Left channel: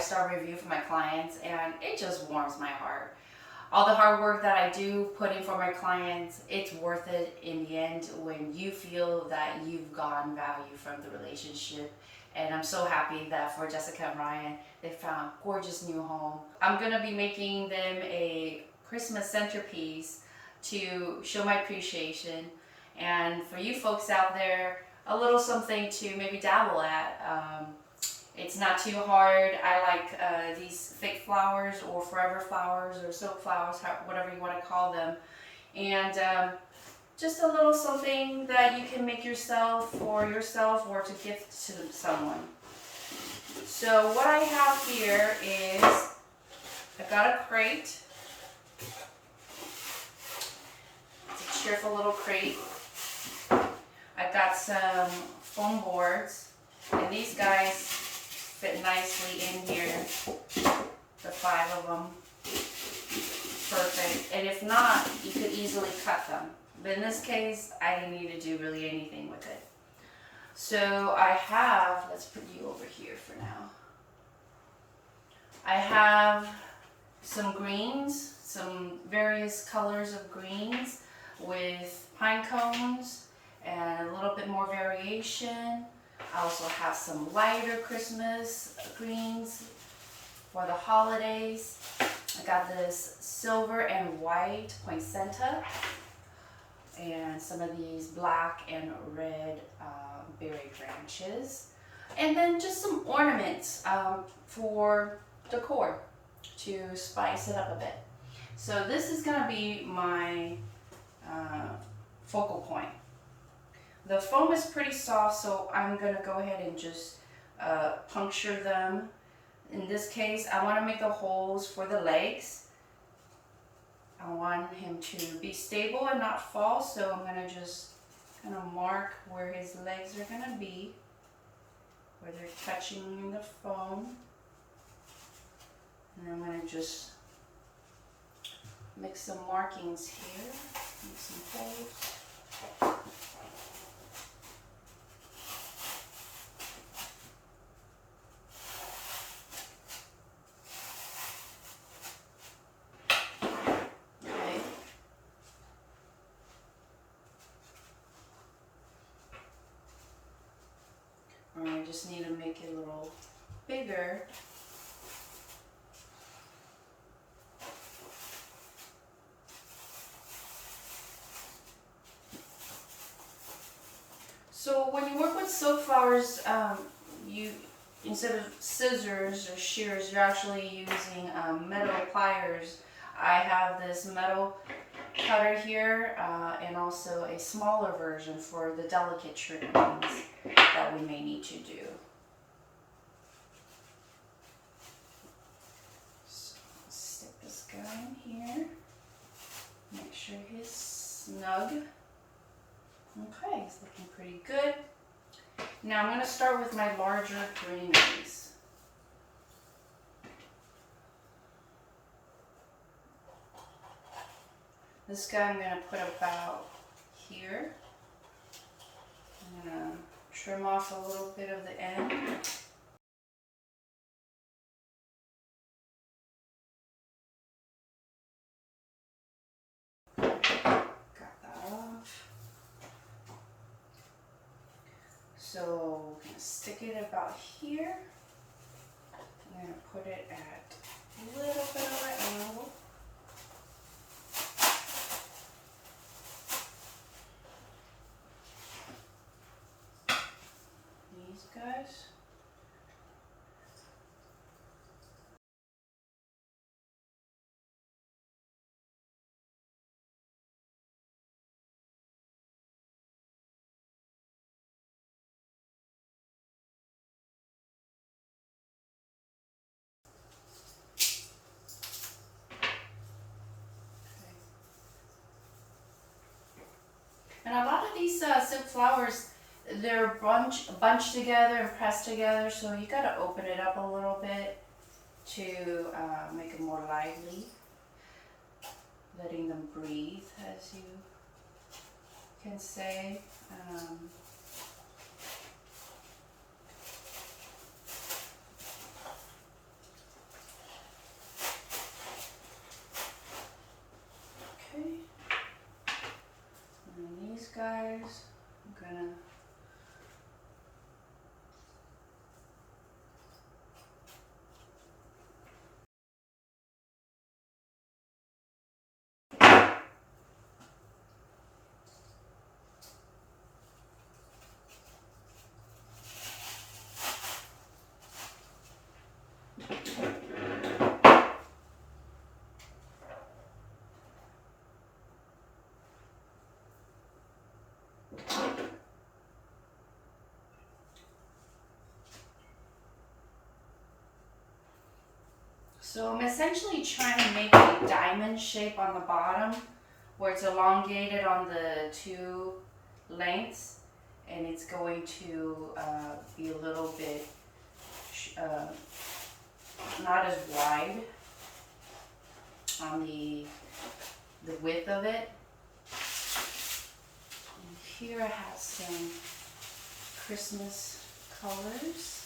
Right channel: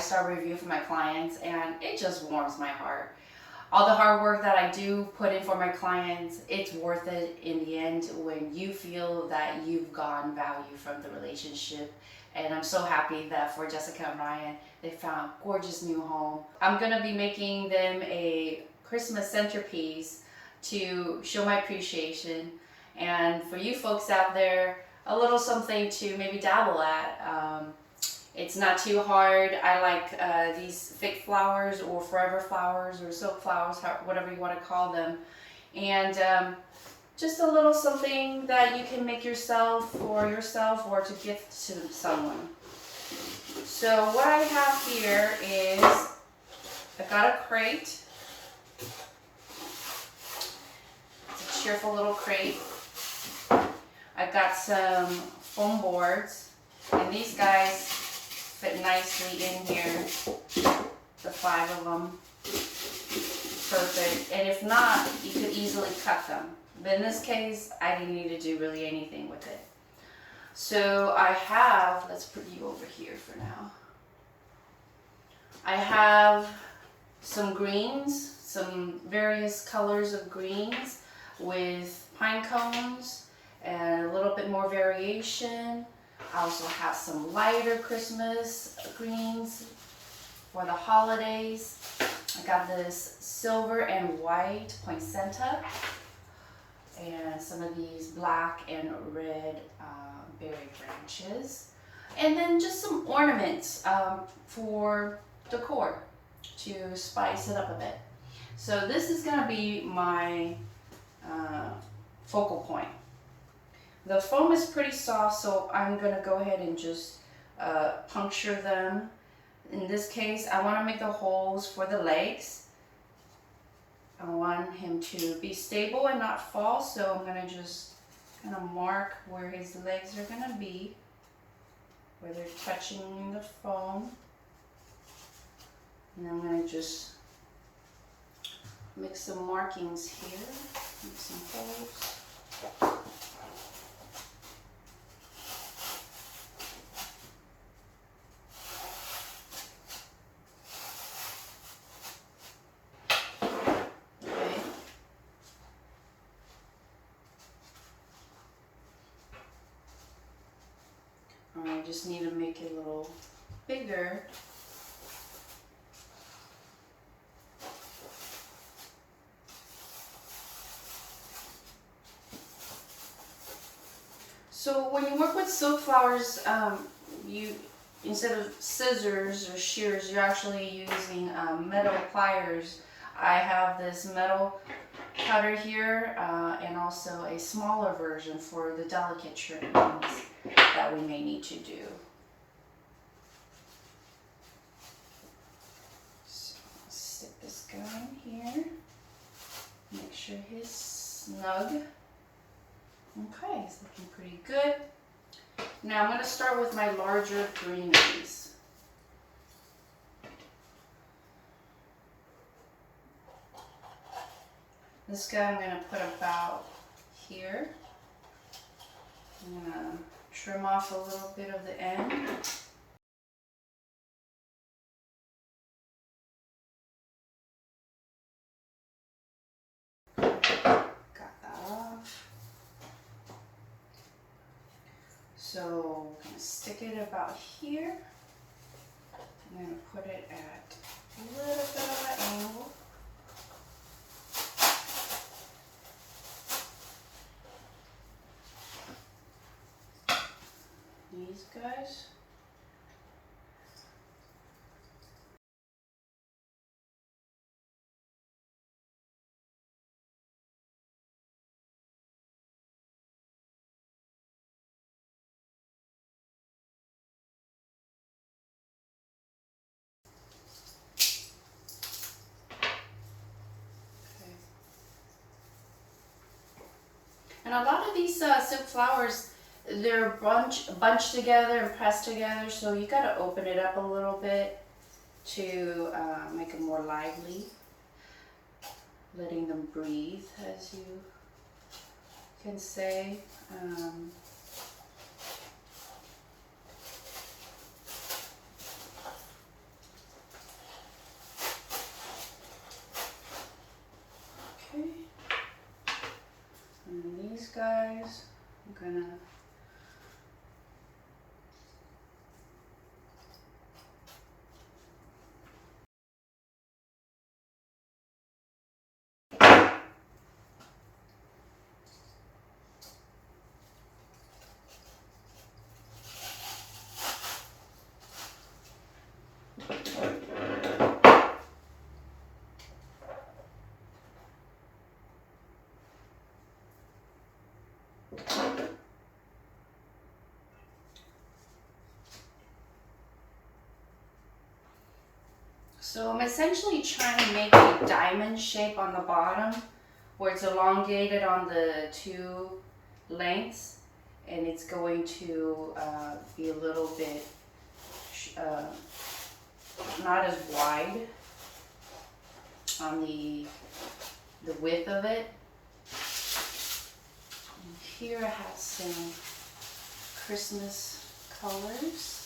5-star review from my clients, and it just warms my heart. All the hard work that I do put in for my clients, it's worth it in the end when you feel that you've gotten value from the relationship. And I'm so happy that for Jessica and Ryan, they found a gorgeous new home. I'm gonna be making them a Christmas centerpiece to show my appreciation. And for you folks out there, a little something to maybe dabble at. It's not too hard. I like these fake flowers or forever flowers or silk flowers, whatever you want to call them. And just a little something that you can make yourself or to gift to someone. So what I have here is, I got a crate. It's a cheerful little crate. I got some foam boards, and these guys fit nicely in here, the 5 of them, perfect. And if not, you could easily cut them. But in this case, I didn't need to do really anything with it. So I have, let's put you over here for now. I have some greens, some various colors of greens with pine cones and a little bit more variation. I also have some lighter Christmas greens for the holidays. I got this silver and white poinsettia and some of these black and red berry branches. And then just some ornaments for decor to spice it up a bit. So this is gonna be my focal point. The foam is pretty soft, so I'm gonna go ahead and just puncture them. In this case, I wanna make the holes for the legs. I want him to be stable and not fall, so I'm gonna just kind of mark where his legs are gonna be, where they're touching the foam. And I'm gonna just make some markings here, make some holes. I just need to make it a little bigger. So when you work with silk flowers, you, instead of scissors or shears, you're actually using metal pliers. I have this metal cutter here and also a smaller version for the delicate trimmings that we may need to do. So I'll stick this guy in here, make sure he's snug. Okay, it's looking pretty good. Now I'm going to start with my larger greeneries. This guy I'm going to put about here. I'm going to trim off a little bit of the end. Got that off. So we're going to stick it about here. I'm going to put it at a little bit of an angle. These guys. And a lot of these silk flowers, they're bunched together and pressed together, so you got to open it up a little bit to make it more lively, letting them breathe, as you can say. guys. I'm gonna So I'm essentially trying to make a diamond shape on the bottom where it's elongated on the two lengths, and it's going to be a little bit not as wide on the width of it. And here I have some Christmas colors.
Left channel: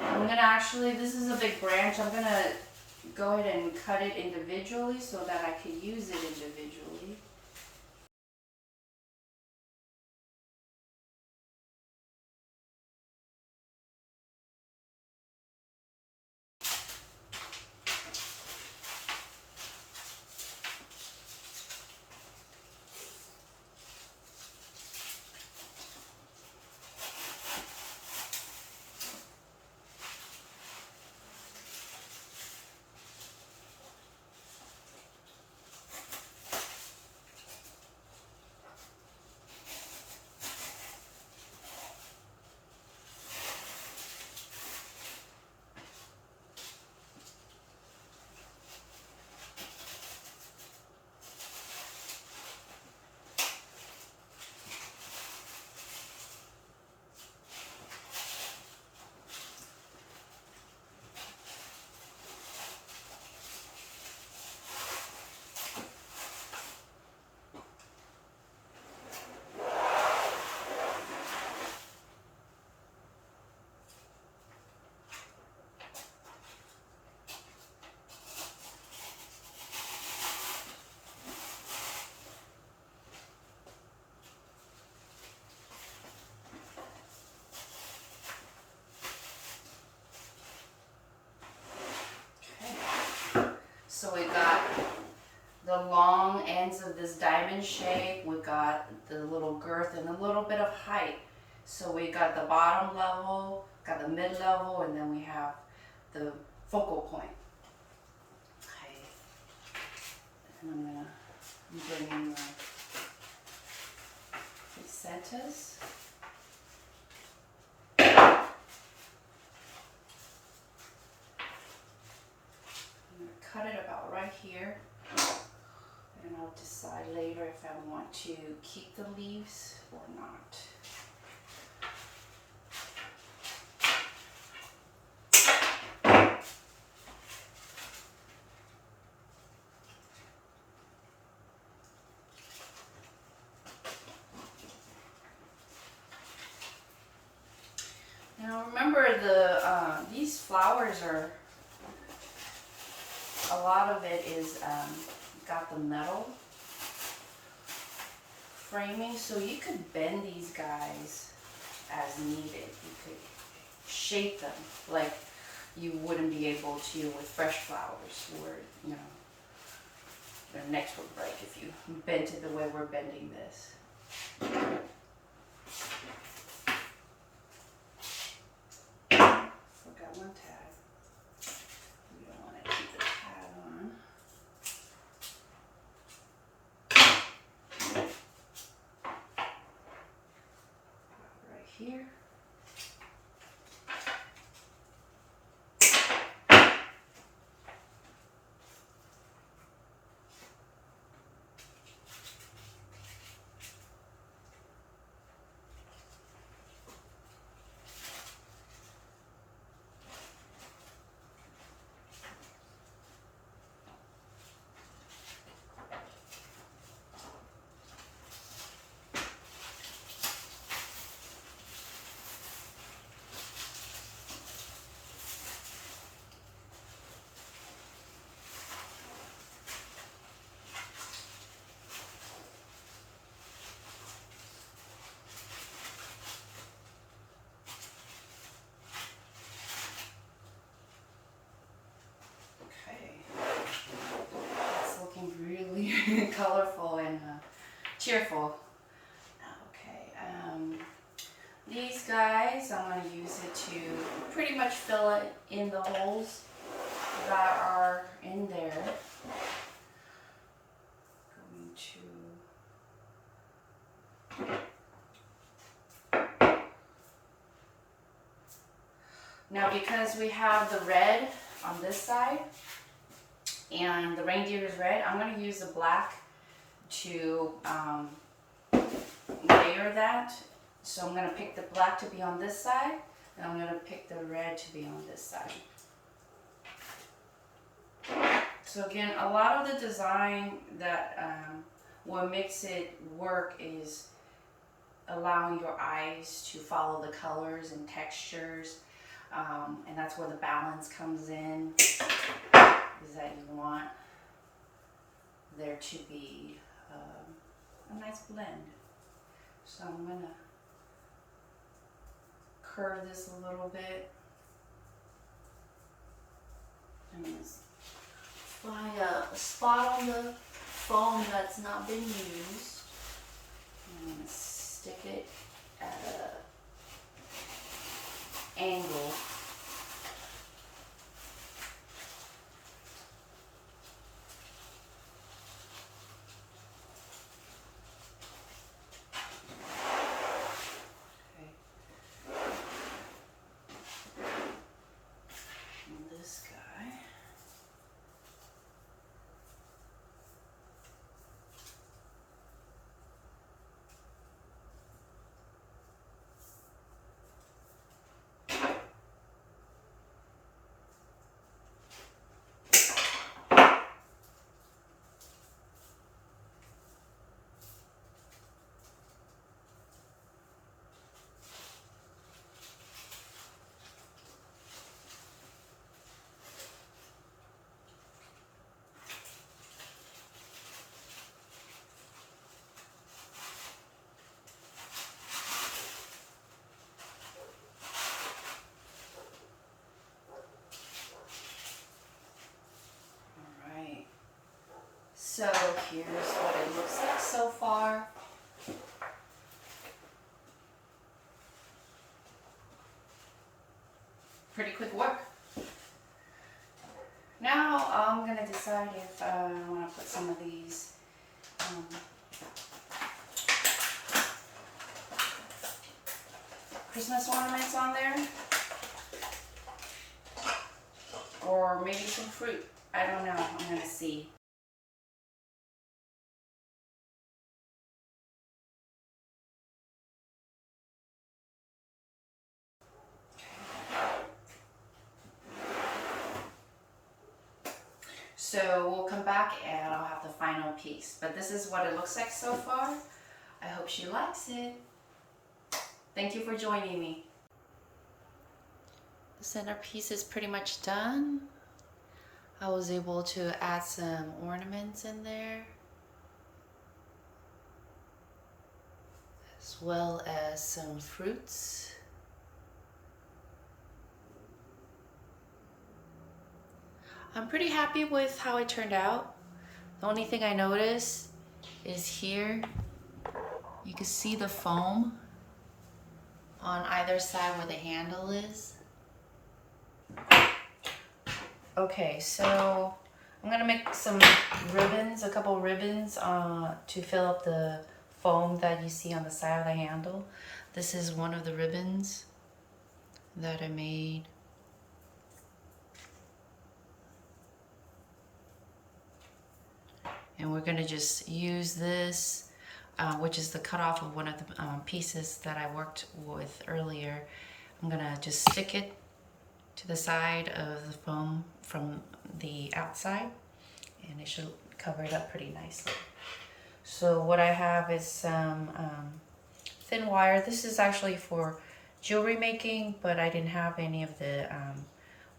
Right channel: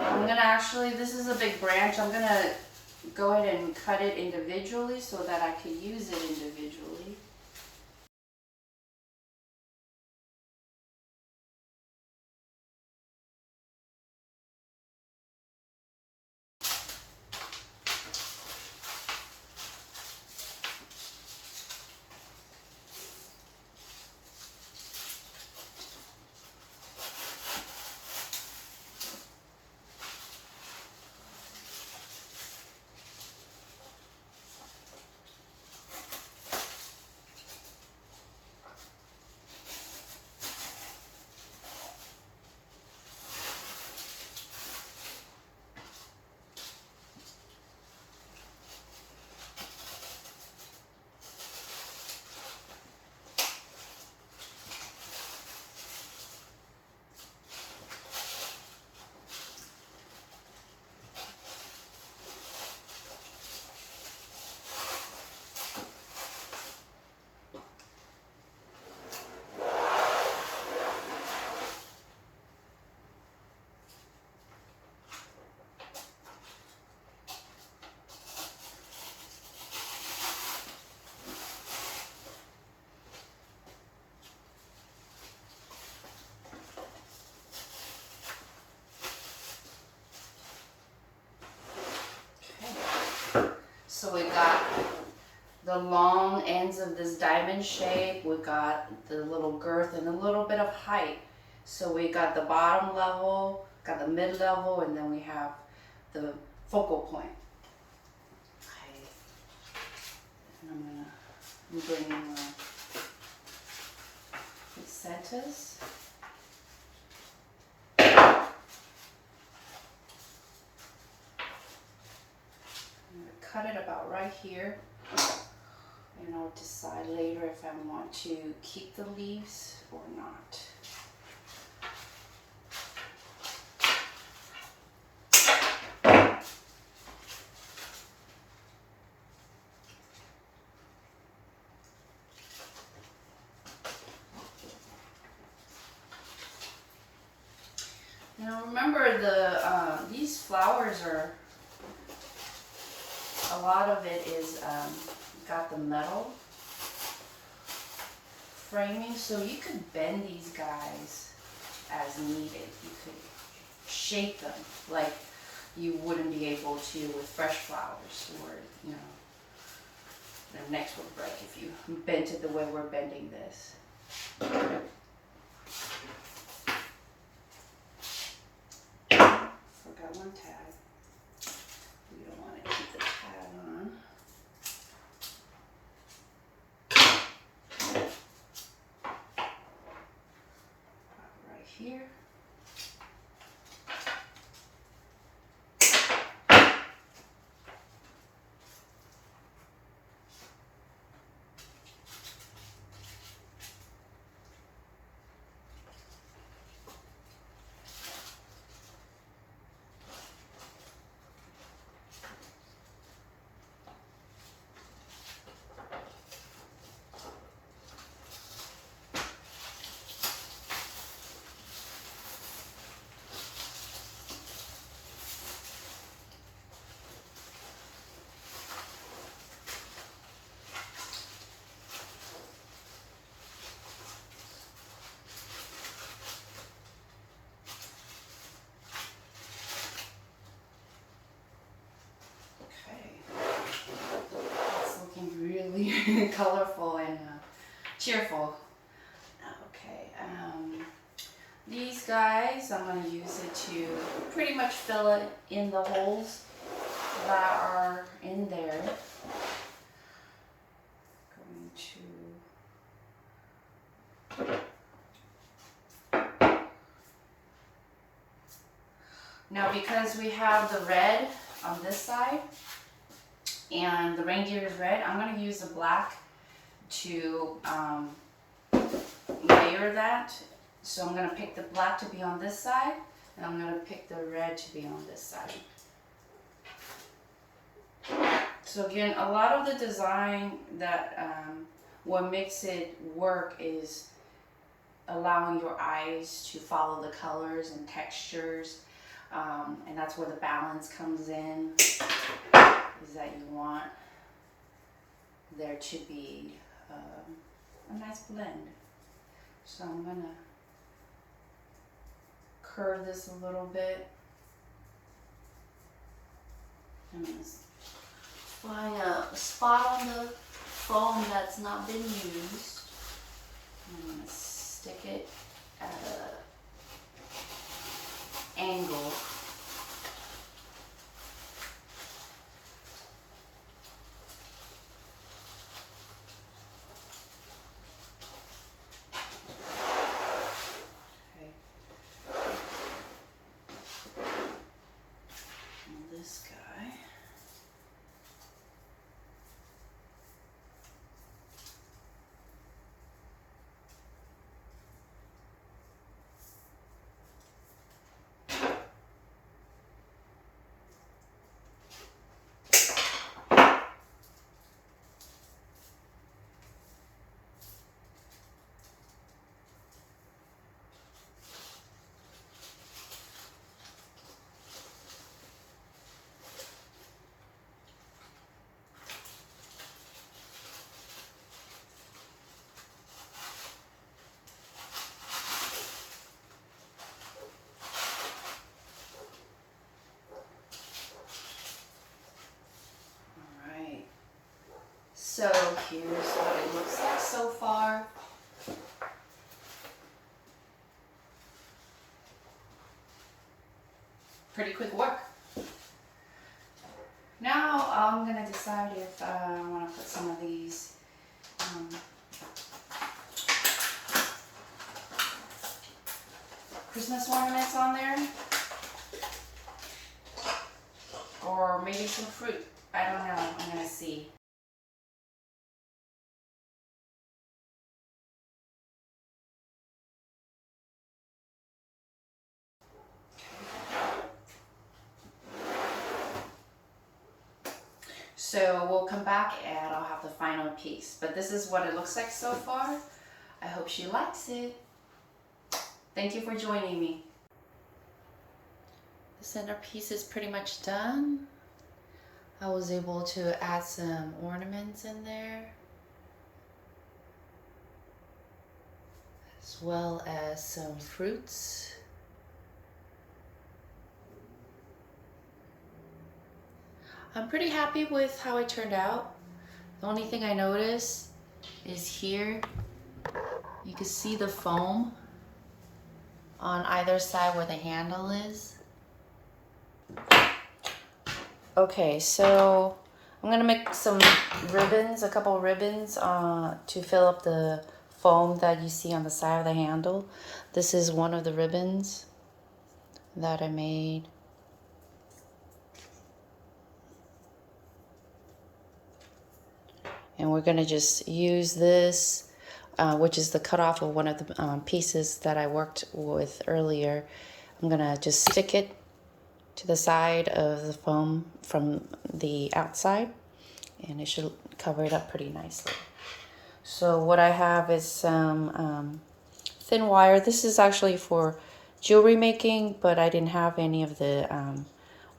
I'm gonna actually, this is a big branch, I'm gonna go ahead and cut it individually so that I can use it individually. So we've got the long ends of this diamond shape, we've got the little girth and a little bit of height. So we got the bottom level, got the mid level, and then we have the focal point. Okay. And I'm bringing my centers. Cut it about right here, and I'll decide later if I want to keep the leaves or not. Now remember, these flowers are, a lot of it is got the metal framing, so you could bend these guys as needed. You could shape them like you wouldn't be able to with fresh flowers, or their necks would break if you bent it the way we're bending this. Forgot one tab. We don't want to keep the tab on. Right here. colorful and cheerful. Okay, these guys, I'm going to use it to pretty much fill it in the holes that are in there. Now, because we have the red on this side and the reindeer is red, I'm going to use the black to layer that. So I'm going to pick the black to be on this side, and I'm going to pick the red to be on this side. So again, a lot of the design that what makes it work is allowing your eyes to follow the colors and textures, and that's where the balance comes in, is that you want there to be a nice blend. So I'm going to curve this a little bit. I'm going to find a spot on the foam that's not been used. I'm going to stick it at an angle. This guy. So here's what it looks like so far. Pretty quick work. Now I'm gonna decide if I want to put some of these Christmas ornaments on there, or maybe some fruit. I don't know. I'm gonna see. So we'll come back and I'll have the final piece. But this is what it looks like so far. I hope she likes it. Thank you for joining me. The centerpiece is pretty much done. I was able to add some ornaments in there, as well as some fruits. I'm pretty happy with how it turned out. The only thing I noticed is here, you can see the foam on either side where the handle is. Okay, so I'm gonna make some ribbons, a couple of ribbons to fill up the foam that you see on the side of the handle. This is one of the ribbons that I made. And we're gonna just use this, which is the cutoff of one of the pieces that I worked with earlier. I'm gonna just stick it to the side of the foam from the outside, and it should cover it up pretty nicely. So what I have is some thin wire. This is actually for jewelry making, but I didn't have any of the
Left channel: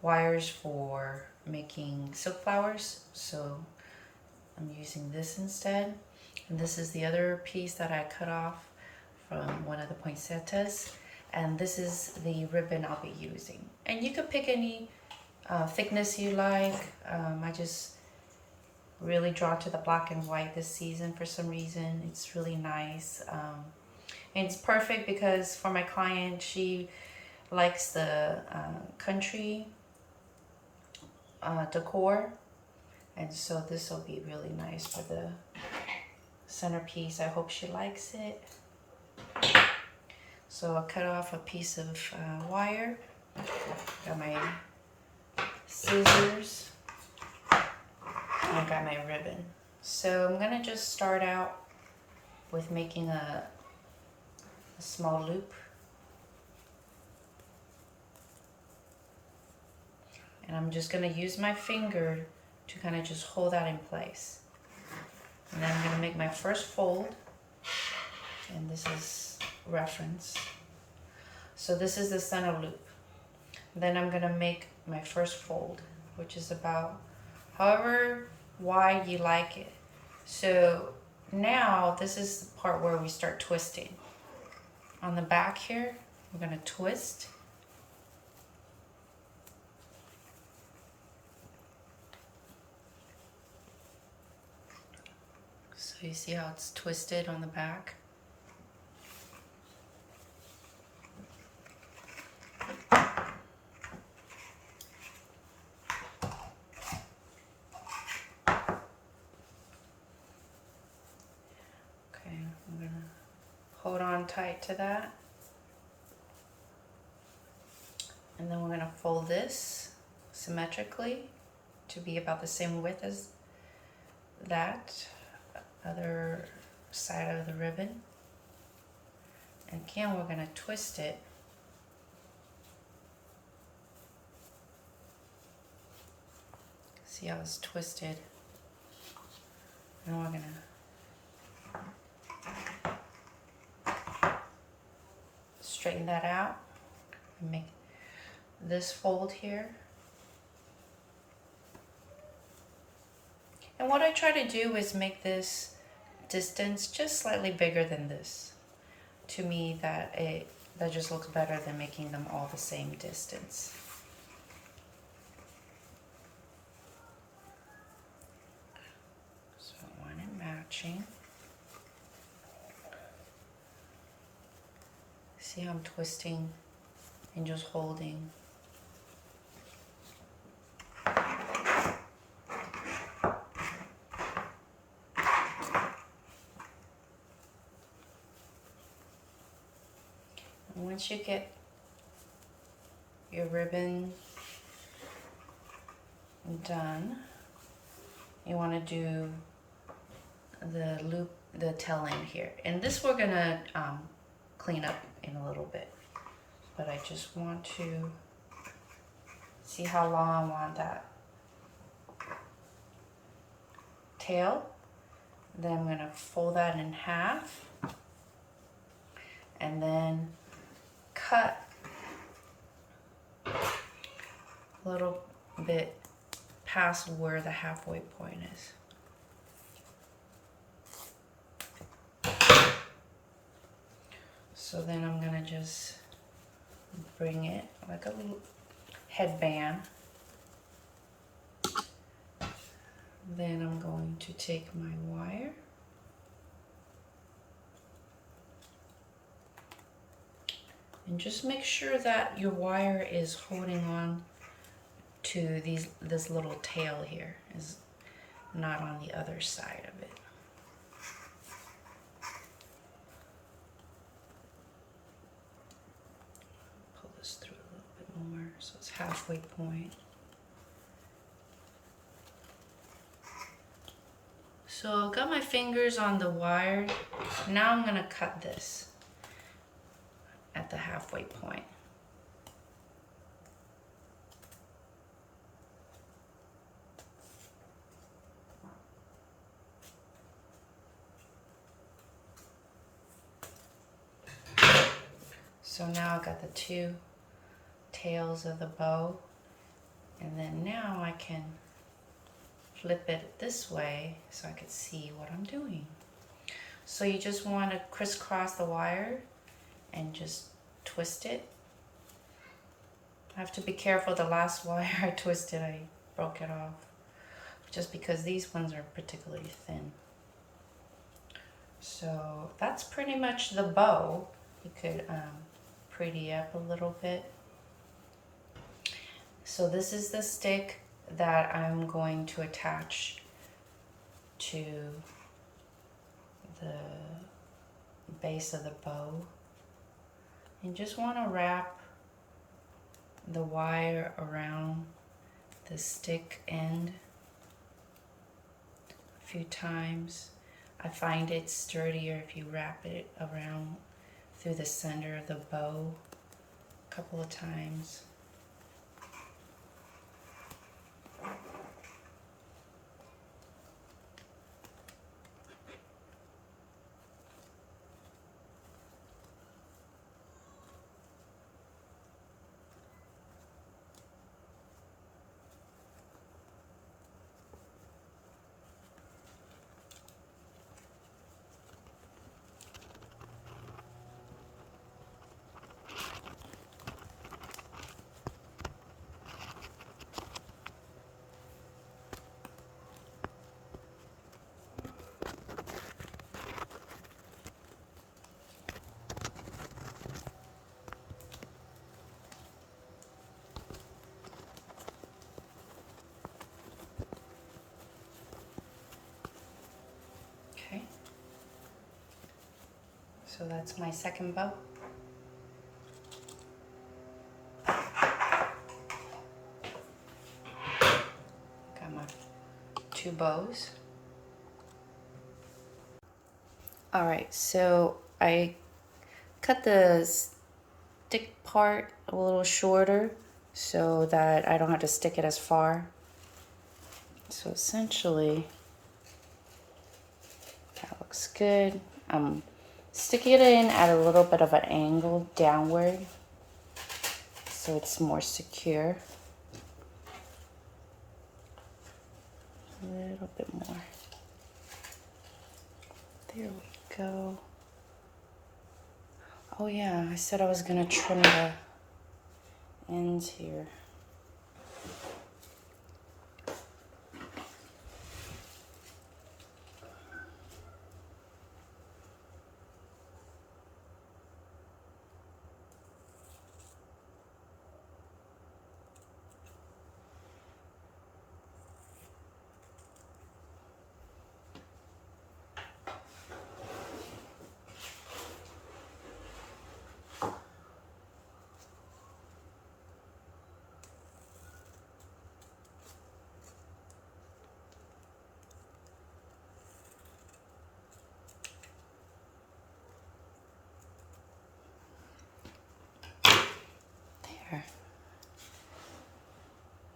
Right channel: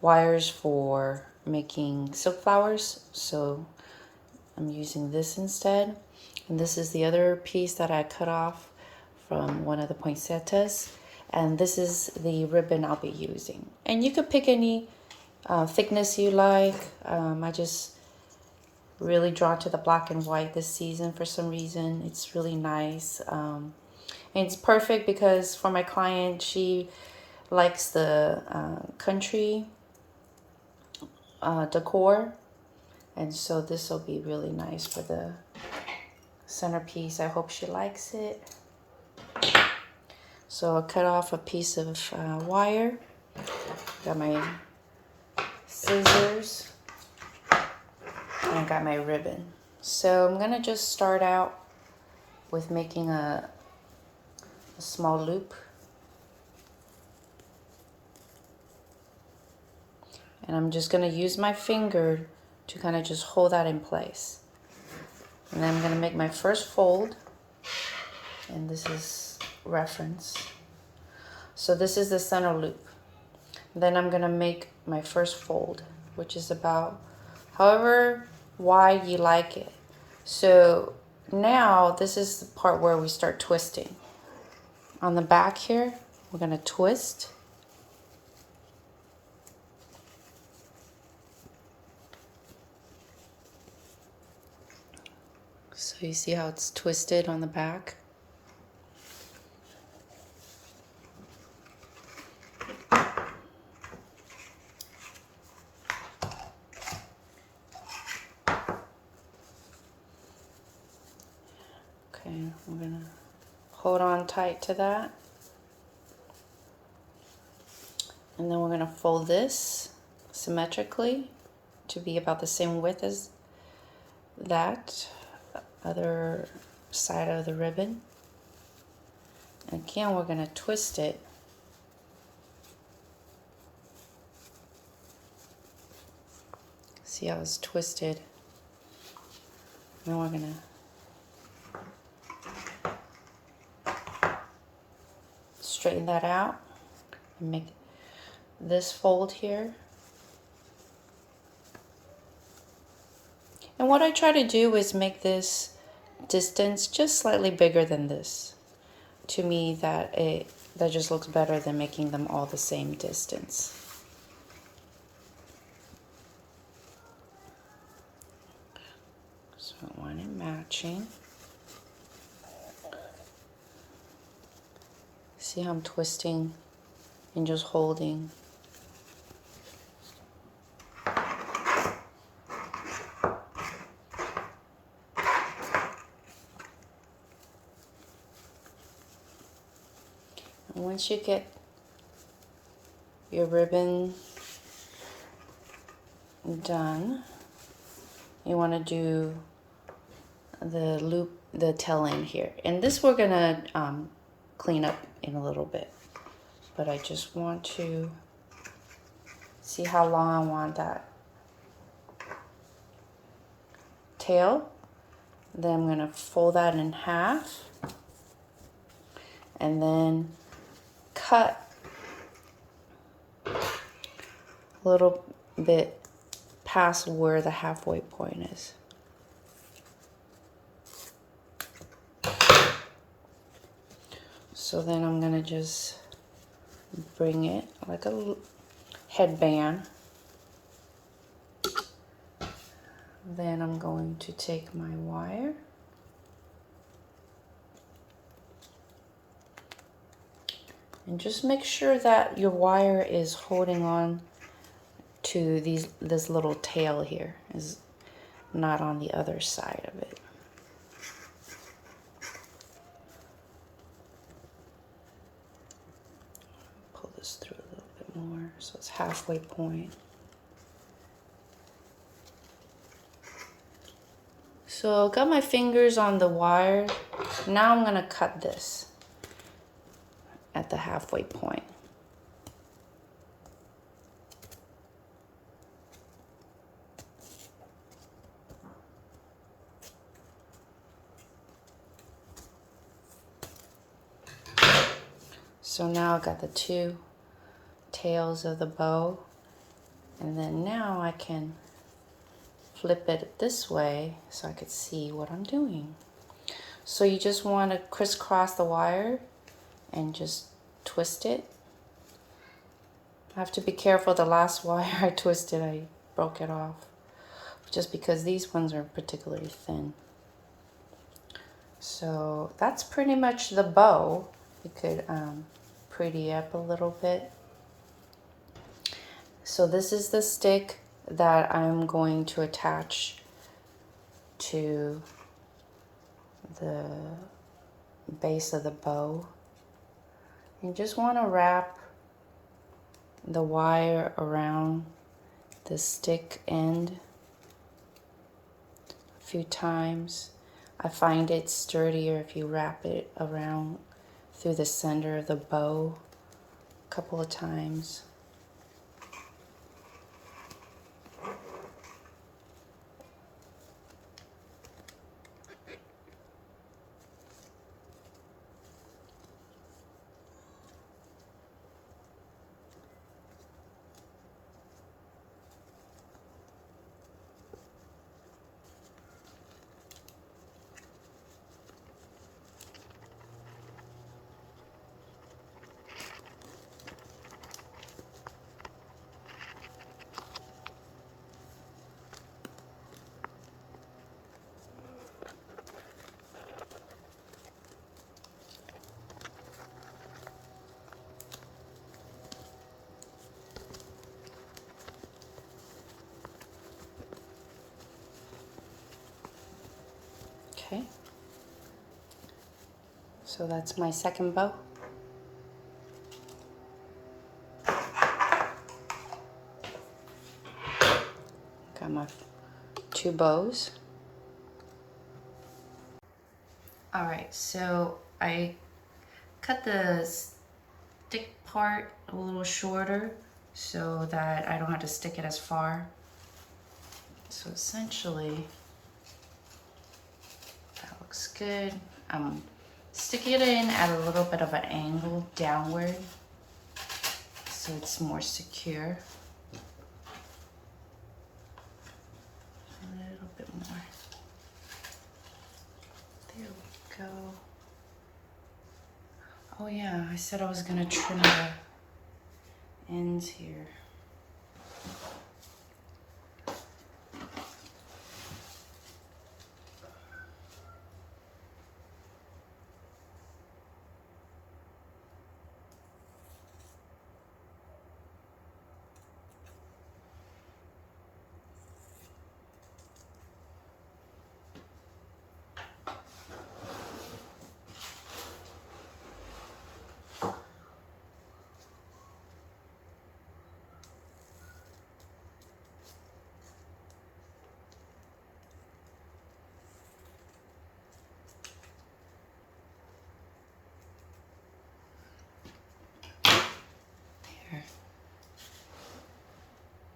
wires for making silk flowers, so I'm using this instead. And this is the other piece that I cut off from one of the poinsettias. And this is the ribbon I'll be using. And you could pick any thickness you like. I just really drawn to the black and white this season for some reason. It's really nice. And it's perfect because for my client, she likes the country decor. And so this will be really nice for the centerpiece. I hope she likes it. So I'll cut off a piece of wire. Got my scissors. And I got my ribbon. So I'm gonna just start out with making a small loop. And I'm just gonna use my finger to kind of just hold that in place. And then I'm gonna make my first fold. And this is reference. So this is the center loop. Then I'm gonna make my first fold, which is about however wide you like it. So now this is the part where we start twisting. On the back here, we're gonna twist. So you see how it's twisted on the back? Okay, I'm gonna hold on tight to that. And then we're gonna fold this symmetrically to be about the same width as that other side of the ribbon. And again, we're gonna twist it. See how it's twisted? Then we're gonna straighten that out and make this fold here. And what I try to do is make this distance just slightly bigger than this. To me, that just looks better than making them all the same distance. So I want it matching. See how I'm twisting and just holding. And once you get your ribbon done, you want to do the loop, the tail end here. And this we're gonna clean up in a little bit, but I just want to see how long I want that tail. Then I'm gonna fold that in half and then cut a little bit past where the halfway point is. So then I'm gonna just bring it like a headband. Then I'm going to take my wire and just make sure that your wire is holding on to this little tail here, is not on the other side of it. Pull this through a little bit more so it's halfway point. So got my fingers on the wire. Now I'm gonna cut this at the halfway point. So now I've got the two tails of the bow, and then now I can flip it this way so I could see what I'm doing. So you just want to crisscross the wire and just twist it. I have to be careful, the last wire I twisted, I broke it off. just because these ones are particularly thin. So that's pretty much the bow. We could pretty up a little bit. So this is the stick that I'm going to attach to the base of the bow. You just want to wrap the wire around the stick end a few times. I find it sturdier if you wrap it around through the center of the bow a couple of times. Okay, so that's my second bow. Got my 2 bows. All right, so I cut the stick part a little shorter so that I don't have to stick it as far. So essentially, that looks good. I'm sticking it in at a little bit of an angle downward so it's more secure. A little bit more. There we go. Oh yeah, I said I was gonna trim the ends here.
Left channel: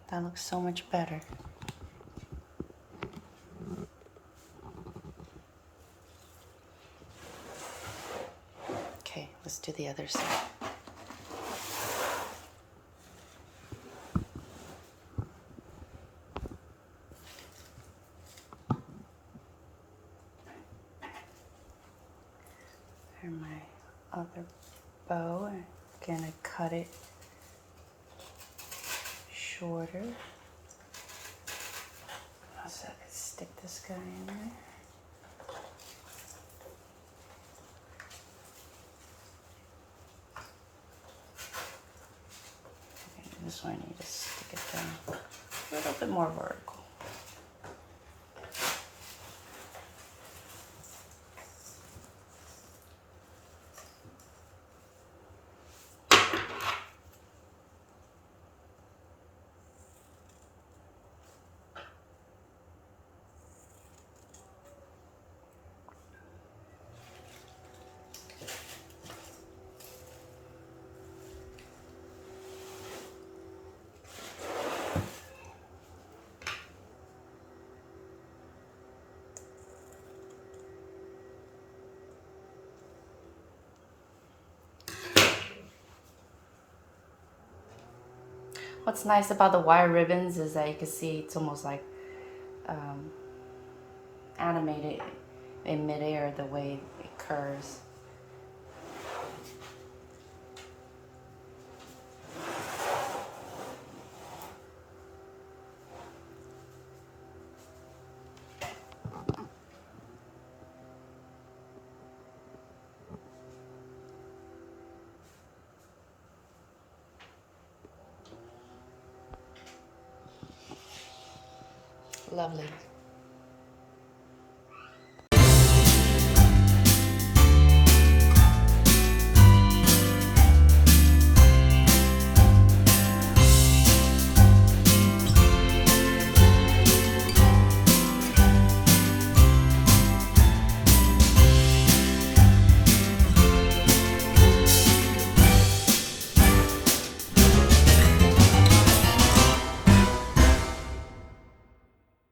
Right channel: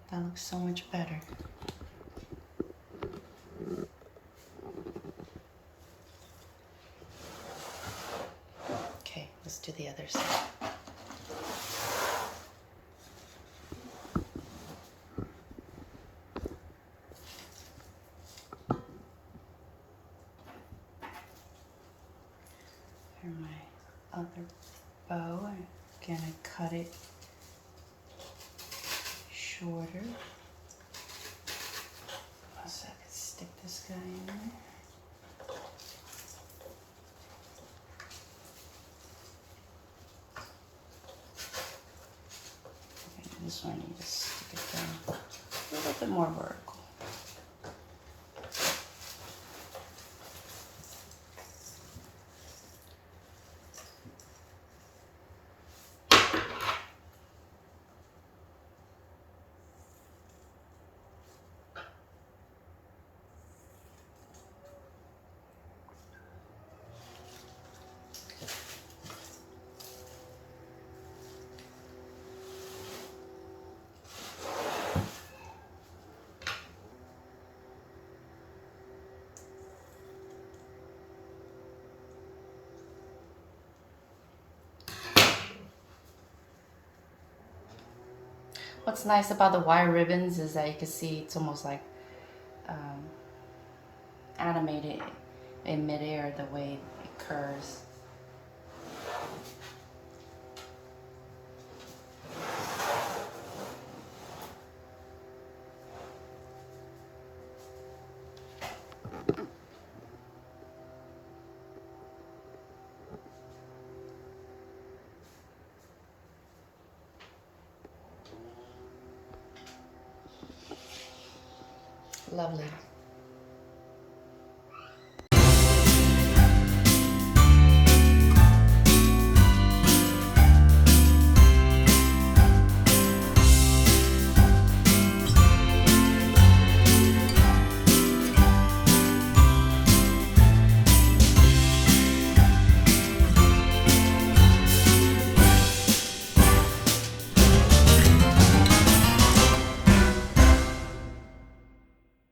That looks so much better. Okay, let's do the other side. And my other bow, I'm gonna cut it shorter so I can stick this guy in there. Okay, this one I need to stick it down a little bit more vertical. What's nice about the wire ribbons is that you can see it's almost like animated in midair the way it curves. Lovely.